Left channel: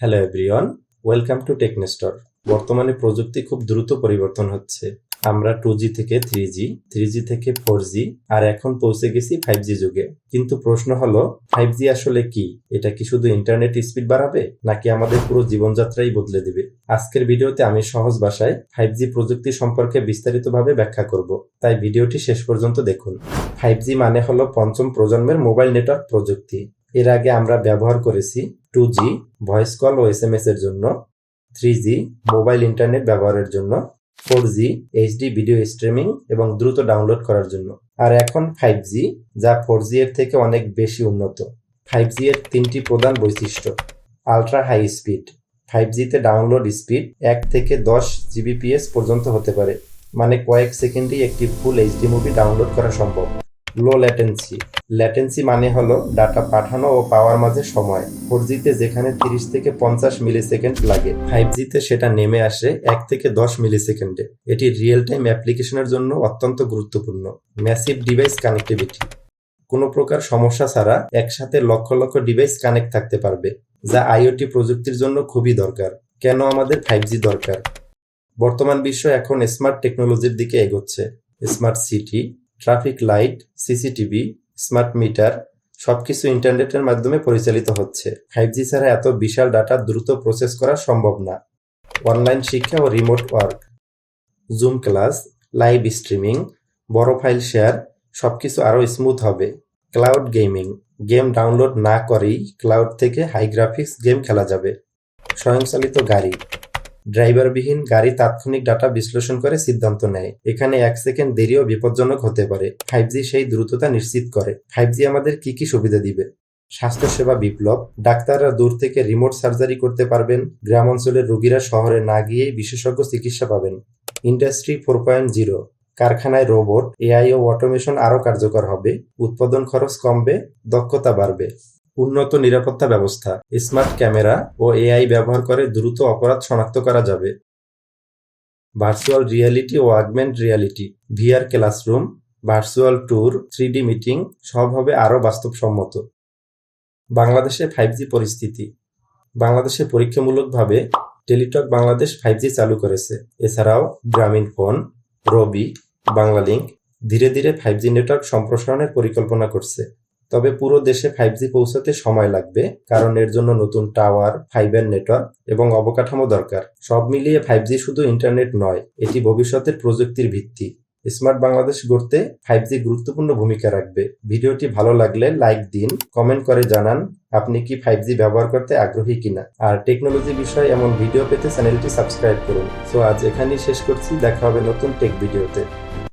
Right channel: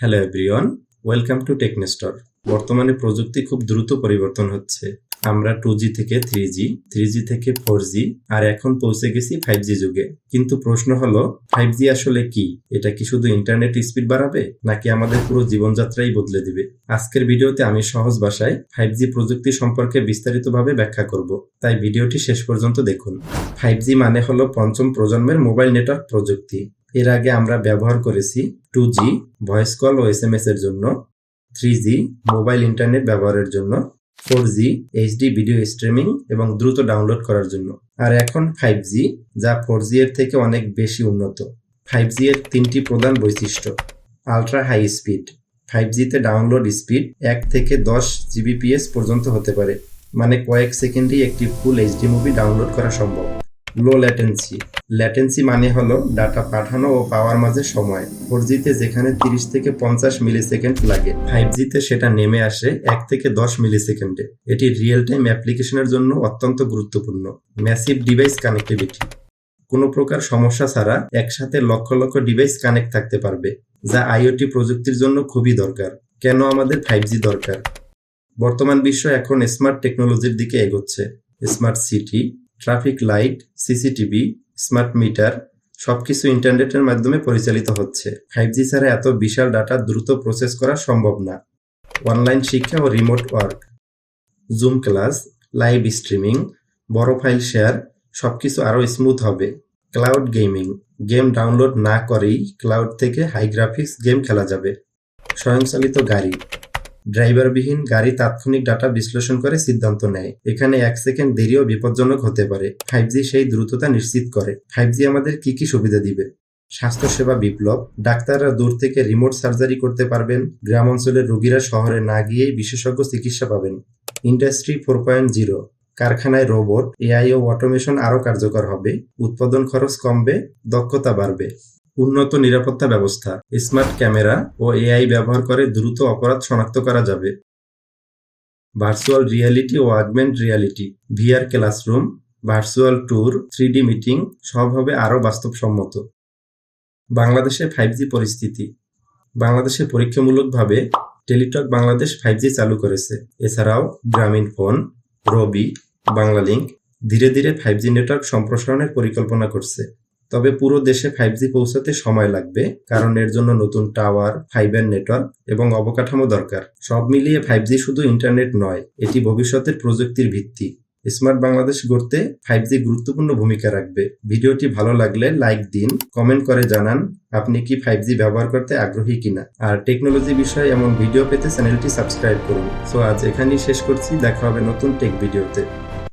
Hello everyone, welcome to Technestor. বর্তমানে প্রযুক্তি খুব দ্রুত পরিবর্তন হচ্ছে। আমরা 2G থেকে 3G, 3G থেকে 4G আর এখন পৌঁছে গেছি 5G যুগে। কিন্তু প্রশ্ন হলো 5G আসলে কি? এটা কি শুধু ইন্টারনেট স্পিড বাড়াবে নাকি আমাদের পুরো জীবনযাত্রাই বদলে দিবে? আজকের ভিডিওতে আমি সহজ ভাষায় 5G প্রযুক্তি সম্পর্কে বিস্তারিতভাবে ব্যাখ্যা করব। তাই ভিডিওটি শেষ পর্যন্ত দেখুন। 5G মানে হলো পঞ্চম প্রজন্মের মোবাইল নেটওয়ার্ক প্রযুক্তি। এর আগে আমরা ব্যবহার করেছি 2G ভয়েস কল ও SMS এর জন্য, 3G মোবাইল ইন্টারনেট ব্যবহারের জন্য, 4G HD ভিডিও স্ট্রিমিং এবং দ্রুত ডাউনলোড করার জন্য, আর এখন 5G যা 4G এর থেকে অনেক বেশি উন্নত। 5G এর তিনটি প্রধান বৈশিষ্ট্য: আলট্রা হাই স্পিড। 5G তে ডাউনলোড স্পিড 1 থেকে 10 Gbps পর্যন্ত হতে পারে, মানে কয়েক সেকেন্ডেই একটি ফুল HD মুভি ডাউনলোড করা সম্ভব। লো ল্যাটেন্সি। ল্যাটেন্সি মানে হলো ডাটা পাঠানো ও পাওয়ার মাঝে সময়। 4G তে যেখানে 30 থেকে 50 মিলিসেকেন্ড লাগে, 5G তে সেটা নেমে আসে 1 থেকে 10 মিলিসেকেন্ডে। এটি রিয়েল টাইম অ্যাপ্লিকেশনের জন্য অত্যন্ত গুরুত্বপূর্ণ। Massive device connectivity. কোনো প্রকার সমস্যা ছাড়া একসাথে লক্ষ লক্ষ ডিভাইস কানেক্ট থাকতে পারবে, যা আইওটি প্রযুক্তির জন্য খুবই দরকার। কেন আমাদের 5G দরকার? বর্তমান বিশ্ব এখন স্মার্ট টেকনোলজির দিকে এগোচ্ছে। Smart city, traffic light, CCTV, smart meter সবকিছু ইন্টারনেটের মাধ্যমে পরিচালিত হচ্ছে। 5G ছাড়া এত বিশাল ডাটা দ্রুত প্রসেস করা সম্ভব না। অনলাইন শিক্ষা ও remote work, Zoom class, live streaming, বড় ফাইল শেয়ার সবকিছু আরও স্মুথ হবে। ক্লাউড গেমিং, গেম ডাউনলোড না করেই ক্লাউড থেকে হাই গ্রাফিক্স গেম খেলা যাবে। স্বয়ংচালিত গাড়ি, ড্রাইভারবিহীন গাড়ি তাৎক্ষণিক ডাটা বিশ্লেষণ করে সিদ্ধান্ত নেয়। এখানে 1 সেকেন্ড দেরিও বিপজ্জনক হতে পারে। 5G সেই দ্রুততা নিশ্চিত করে। 5G আমাদের কি কি সুবিধা দিবে? স্বাস্থ্যসেবা বিপ্লব। ডাক্তাররা দূর থেকে রিমোট সার্জারি করতে পারবেন। গ্রাম অঞ্চলের রোগীরা শহরে না গিয়েই বিশেষজ্ঞ চিকিৎসা পাবেন। ইন্ডাস্ট্রি 4.0। কারখানায় রোবট, AI ও অটোমেশন আরও কার্যকর হবে। উৎপাদন খরচ কমবে, দক্ষতা বাড়বে। উন্নত নিরাপত্তা ব্যবস্থা। স্মার্ট ক্যামেরা ও AI ব্যবহার করে দ্রুত অপরাধ শনাক্ত করা যাবে। ভার্চুয়াল রিয়ালিটি ও augment reality, VR classroom, virtual tour, 3D meeting সব হবে আরও বাস্তবসম্মত। বাংলাদেশে 5G পরিস্থিতি। বাংলাদেশে পরীক্ষামূলকভাবে টেলিটক বাংলাদেশ 5G চালু করেছে। এছাড়াও গ্রামীণ ফোন, রবি, বাংলালিংক ধীরে ধীরে 5G নেটওয়ার্ক সম্প্রসারণের পরিকল্পনা করছে। তবে পুরো দেশে 5G পৌঁছাতে সময় লাগবে, কারণ এর জন্য নতুন টাওয়ার, ফাইবার নেটওয়ার্ক এবং অবকাঠামো দরকার। সব মিলিয়ে 5G শুধু ইন্টারনেট নয়, এটি ভবিষ্যতের প্রযুক্তির ভিত্তি। স্মার্ট বাংলাদেশ গড়তে 5G গুরুত্বপূর্ণ ভূমিকা রাখবে। ভিডিওটি ভালো লাগলে লাইক দিন, কমেন্ট করে জানান আপনি কি 5G ব্যবহার করতে আগ্রহী কিনা। আর টেকনোলজি বিষয়ে এমন ভিডিও পেতে চ্যানেলটি সাবস্ক্রাইব করুন। সো আজ এখানেই শেষ করছি, দেখা হবে নতুন টেক ভিডিওতে।